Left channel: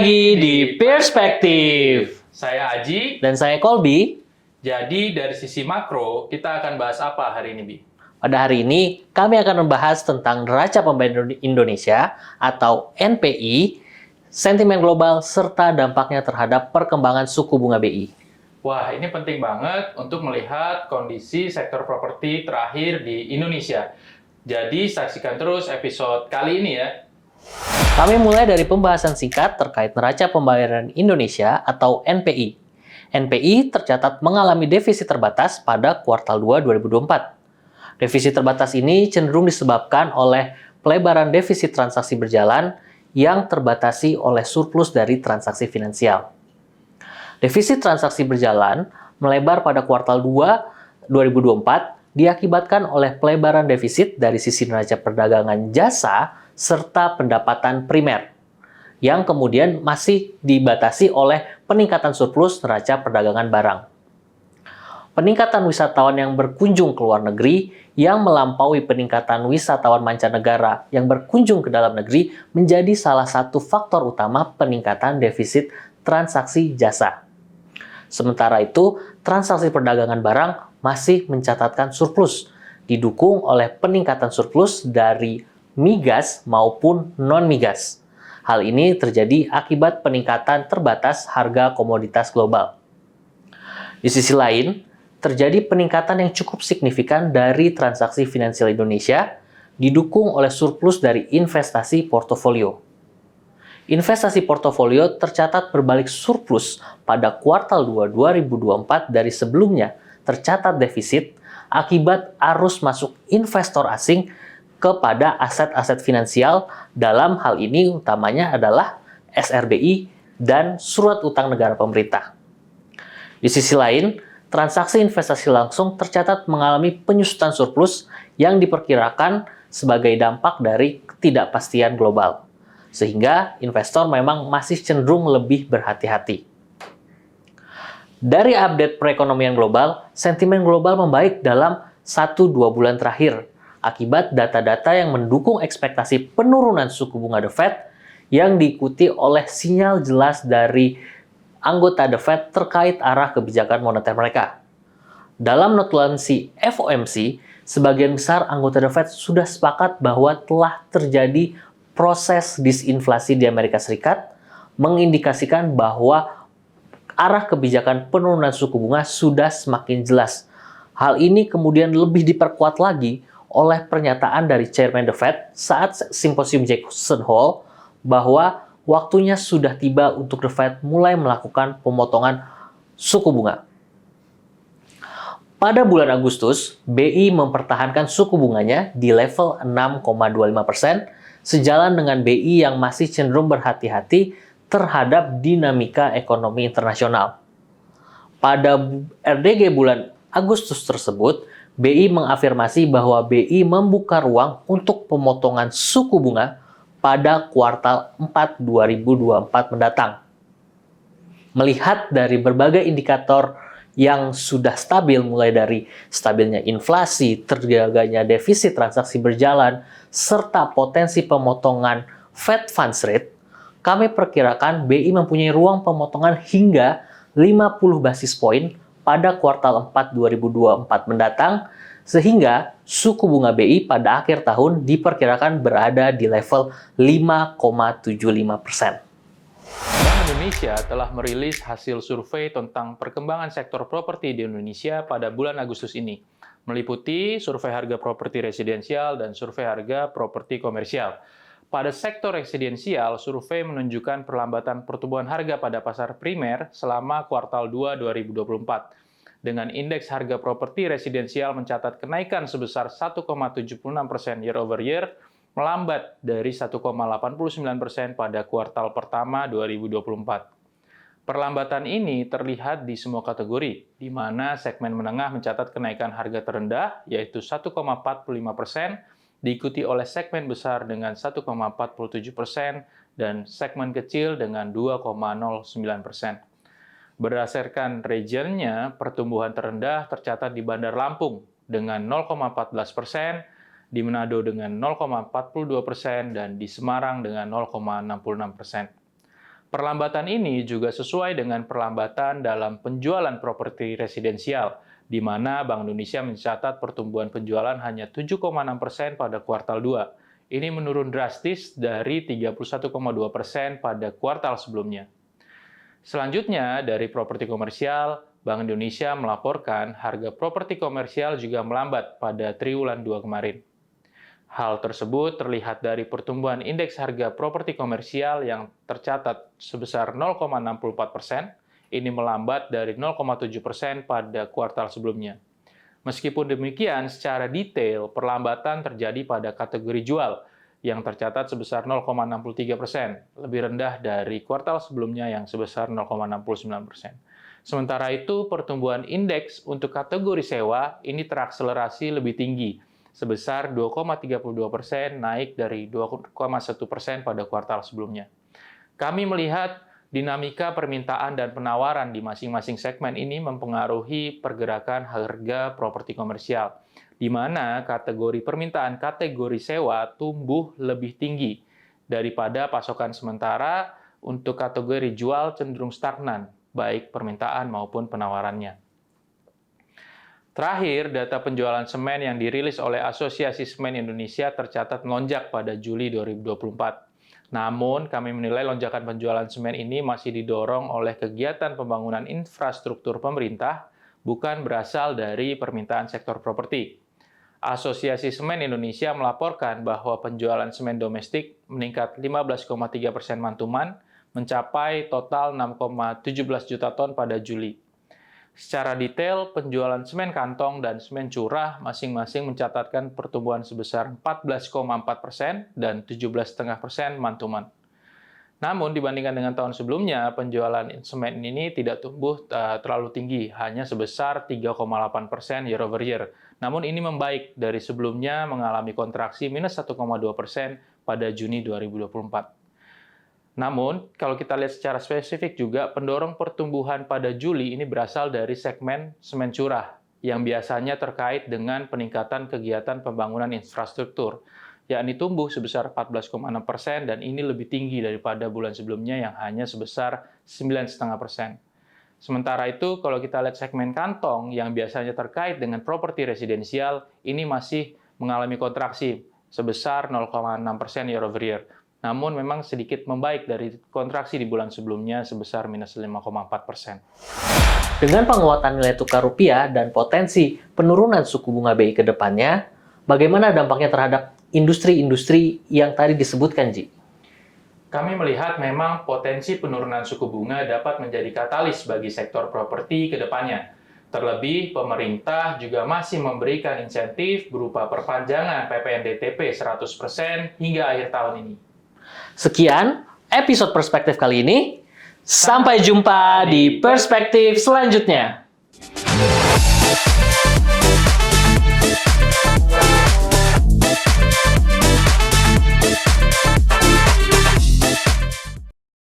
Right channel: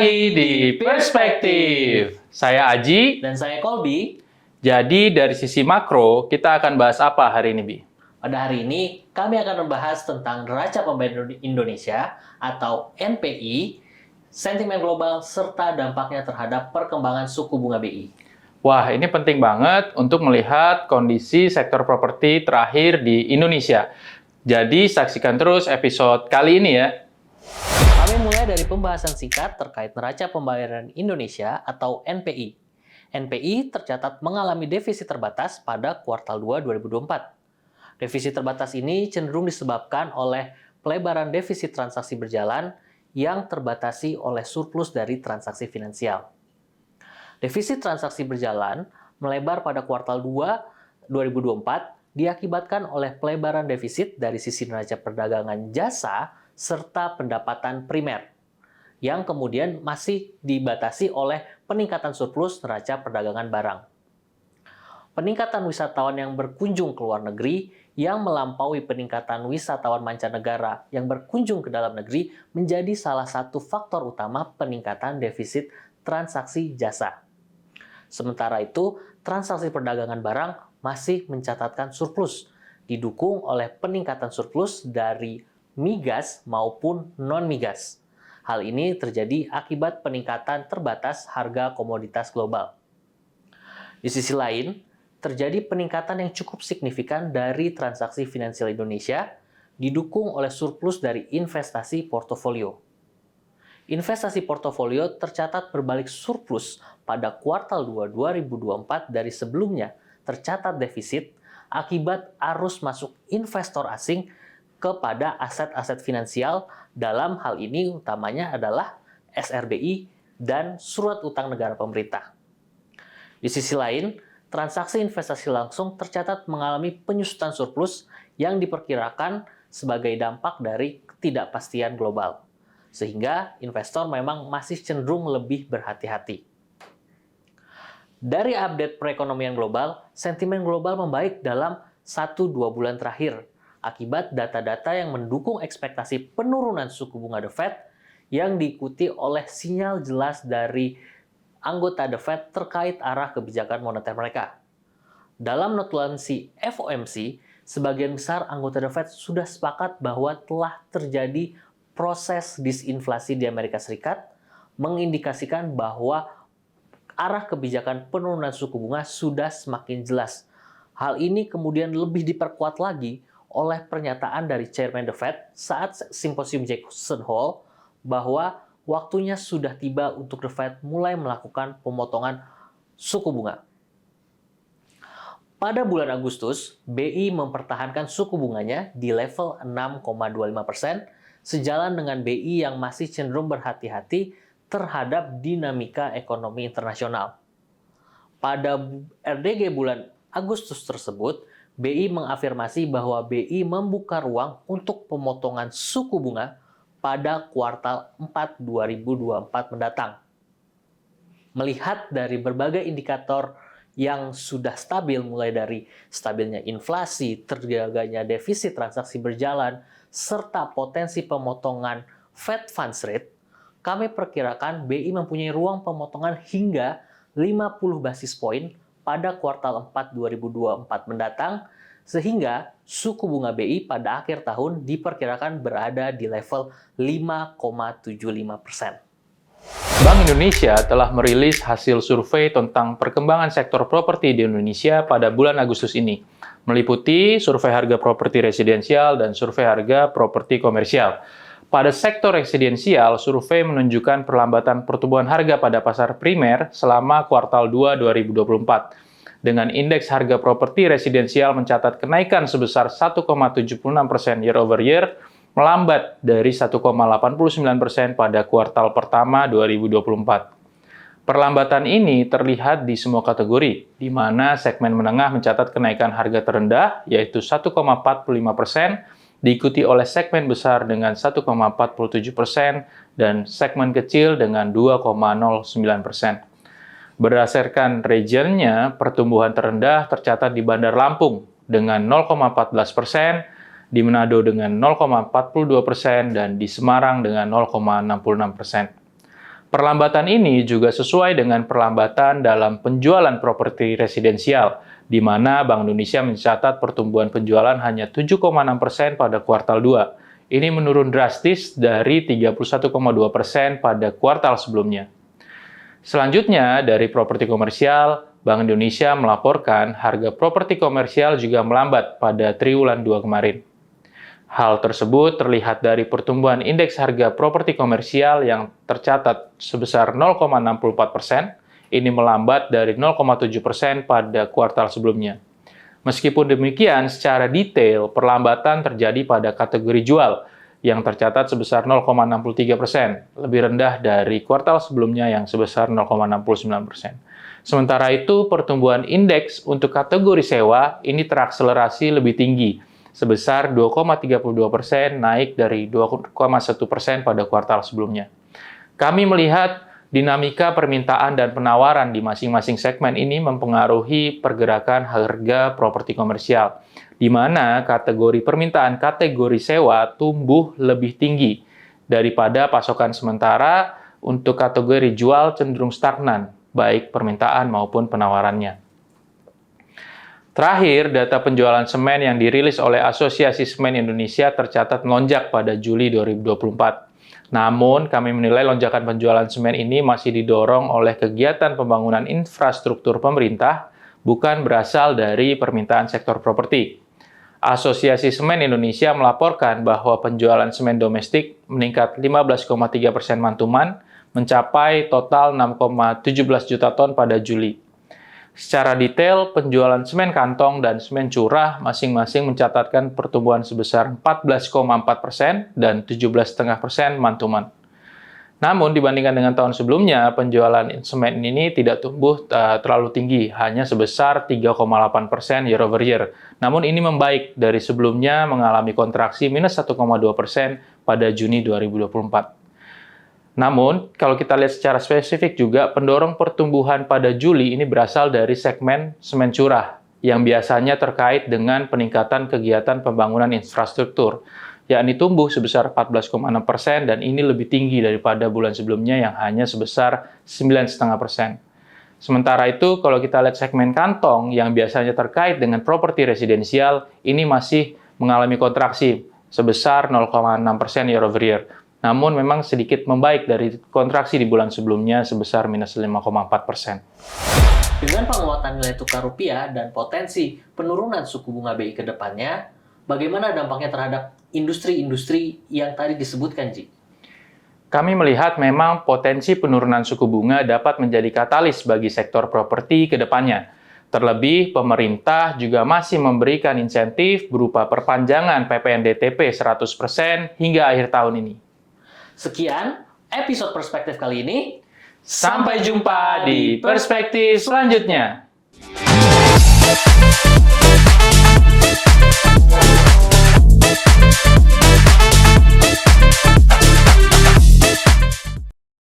lagi di Perspektif. Saya Aji. Dan saya Colby. Jadi dari sisi makro, kita akan bahas apa hari ini, Bi? Pada hari ini, kami akan membahas tentang neraca pembayaran Indonesia atau NPI, sentimen global, serta dampaknya terhadap perkembangan suku bunga BI. Wah, ini penting banget untuk melihat kondisi sektor properti terakhir di Indonesia. Jadi, saksikan terus episode kali ini ya. Kami mulai dari pembahasan singkat terkait neraca pembayaran Indonesia atau NPI. NPI tercatat mengalami defisit terbatas pada kuartal 2 2024. Defisit terbatas ini cenderung disebabkan oleh pelebaran defisit transaksi berjalan yang terbatasi oleh surplus dari transaksi finansial. Defisit transaksi berjalan melebar pada kuartal 2 2024 diakibatkan oleh pelebaran defisit dari sisi neraca perdagangan jasa serta pendapatan primer, yang kemudian masih dibatasi oleh peningkatan surplus neraca perdagangan barang. Peningkatan wisatawan yang berkunjung ke luar negeri yang melampaui peningkatan wisatawan mancanegara yang berkunjung ke dalam negeri menjadi salah satu faktor utama peningkatan defisit transaksi jasa. Sementara itu, transaksi perdagangan barang masih mencatatkan surplus, didukung oleh peningkatan surplus dari migas maupun non-migas. Hal ini terjadi akibat peningkatan terbatas harga komoditas global. Di sisi lain, terjadi peningkatan yang cukup signifikan dari transaksi finansial Indonesia, didukung oleh surplus dari investasi portofolio. Investasi portofolio tercatat berbalik surplus pada kuartal 2 2024 dari sebelumnya tercatat defisit akibat arus masuk investor asing kepada aset-aset finansial, dalam hal ini utamanya adalah SRBI dan surat utang negara pemerintah. Di sisi lain, transaksi investasi langsung tercatat mengalami penyusutan surplus yang diperkirakan sebagai dampak dari ketidakpastian global, sehingga investor memang masih cenderung lebih berhati-hati. Dari update perekonomian global, sentimen global membaik dalam 1-2 bulan terakhir, akibat data-data yang mendukung ekspektasi penurunan suku bunga The Fed yang diikuti oleh sinyal jelas dari anggota The Fed terkait arah kebijakan moneter mereka. Dalam notulensi FOMC, sebagian besar anggota The Fed sudah sepakat bahwa telah terjadi proses disinflasi di Amerika Serikat, mengindikasikan bahwa arah kebijakan penurunan suku bunga sudah semakin jelas. Hal ini kemudian lebih diperkuat lagi oleh pernyataan dari Chairman The Fed saat simposium Jackson Hole bahwa waktunya sudah tiba untuk The Fed mulai melakukan pemotongan suku bunga. Pada bulan Agustus, BI mempertahankan suku bunganya di level 6,25%, sejalan dengan BI yang masih cenderung berhati-hati terhadap dinamika ekonomi internasional. Pada RDG bulan Agustus tersebut, BI mengafirmasi bahwa BI membuka ruang untuk pemotongan suku bunga pada kuartal 4 2024 mendatang. Melihat dari berbagai indikator yang sudah stabil, mulai dari stabilnya inflasi, terjaganya defisit transaksi berjalan, serta potensi pemotongan Fed Funds Rate, kami perkirakan BI mempunyai ruang pemotongan hingga 50 basis poin pada kuartal 4 2024 mendatang, sehingga suku bunga BI pada akhir tahun diperkirakan berada di level 5,75%. Bank Indonesia telah merilis hasil survei tentang perkembangan sektor properti di Indonesia pada bulan Agustus ini, meliputi survei harga properti residensial dan survei harga properti komersial. Pada sektor residensial, survei menunjukkan perlambatan pertumbuhan harga pada pasar primer selama kuartal 2 2024. Dengan indeks harga properti residensial mencatat kenaikan sebesar 1,76% year over year, melambat dari 1,89% pada kuartal pertama 2024. Perlambatan ini terlihat di semua kategori, di mana segmen menengah mencatat kenaikan harga terendah, yaitu 1,45%, diikuti oleh segmen besar dengan 1,47% dan segmen kecil dengan 2,09%. Berdasarkan regionnya, pertumbuhan terendah tercatat di Bandar Lampung dengan 0,14%, di Manado dengan 0,42%, dan di Semarang dengan 0,66%. Perlambatan ini juga sesuai dengan perlambatan dalam penjualan properti residensial, di mana Bank Indonesia mencatat pertumbuhan penjualan hanya 7,6% pada kuartal 2. Ini menurun drastis dari 31,2% pada kuartal sebelumnya. Selanjutnya, dari properti komersial, Bank Indonesia melaporkan harga properti komersial juga melambat pada triwulan 2 kemarin. Hal tersebut terlihat dari pertumbuhan indeks harga properti komersial yang tercatat sebesar 0,64%, ini melambat dari 0,7% pada kuartal sebelumnya. Meskipun demikian, secara detail, perlambatan terjadi pada kategori jual, yang tercatat sebesar 0,63%, lebih rendah dari kuartal sebelumnya yang sebesar 0,69%. Sementara itu, pertumbuhan indeks untuk kategori sewa ini terakselerasi lebih tinggi, sebesar 2,32%, naik dari 2,1% pada kuartal sebelumnya. Kami melihat dinamika permintaan dan penawaran di masing-masing segmen ini mempengaruhi pergerakan harga properti komersial, di mana kategori permintaan kategori sewa tumbuh lebih tinggi daripada pasokan sementara. Untuk kategori jual cenderung stagnan, baik permintaan maupun penawarannya. Terakhir, data penjualan semen yang dirilis oleh Asosiasi Semen Indonesia tercatat melonjak pada Juli 2024. Namun, kami menilai lonjakan penjualan semen ini masih didorong oleh kegiatan pembangunan infrastruktur pemerintah, bukan berasal dari permintaan sektor properti. Asosiasi Semen Indonesia melaporkan bahwa penjualan semen domestik meningkat 15,3% mantuman, mencapai total 6,17 juta ton pada Juli. Secara detail, penjualan semen kantong dan semen curah masing-masing mencatatkan pertumbuhan sebesar 14,4% dan 17,5% mantuman. Namun, dibandingkan dengan tahun sebelumnya, penjualan semen ini tidak tumbuh terlalu tinggi, hanya sebesar 3,8% year over year. Namun, ini membaik dari sebelumnya mengalami kontraksi minus 1,2% pada Juni 2024. Namun, kalau kita lihat secara spesifik juga, pendorong pertumbuhan pada Juli ini berasal dari segmen semen curah, yang biasanya terkait dengan peningkatan kegiatan pembangunan infrastruktur, yakni tumbuh sebesar 14,6% dan ini lebih tinggi daripada bulan sebelumnya yang hanya sebesar 9,5%. Sementara itu, kalau kita lihat segmen kantong yang biasanya terkait dengan properti residensial, ini masih mengalami kontraksi sebesar 0,6% year over year. Namun memang sedikit membaik dari kontraksi di bulan sebelumnya sebesar minus 5,4%. Dengan penguatan nilai tukar rupiah dan potensi penurunan suku bunga BI ke depannya, bagaimana dampaknya terhadap industri-industri yang tadi disebutkan, Ji? Kami melihat memang potensi penurunan suku bunga dapat menjadi katalis bagi sektor properti ke depannya. Terlebih, pemerintah juga masih memberikan insentif berupa perpanjangan PPNBM 100% hingga akhir tahun ini. Sekian episode Perspektif kali ini. Sampai jumpa di perspektif selanjutnya.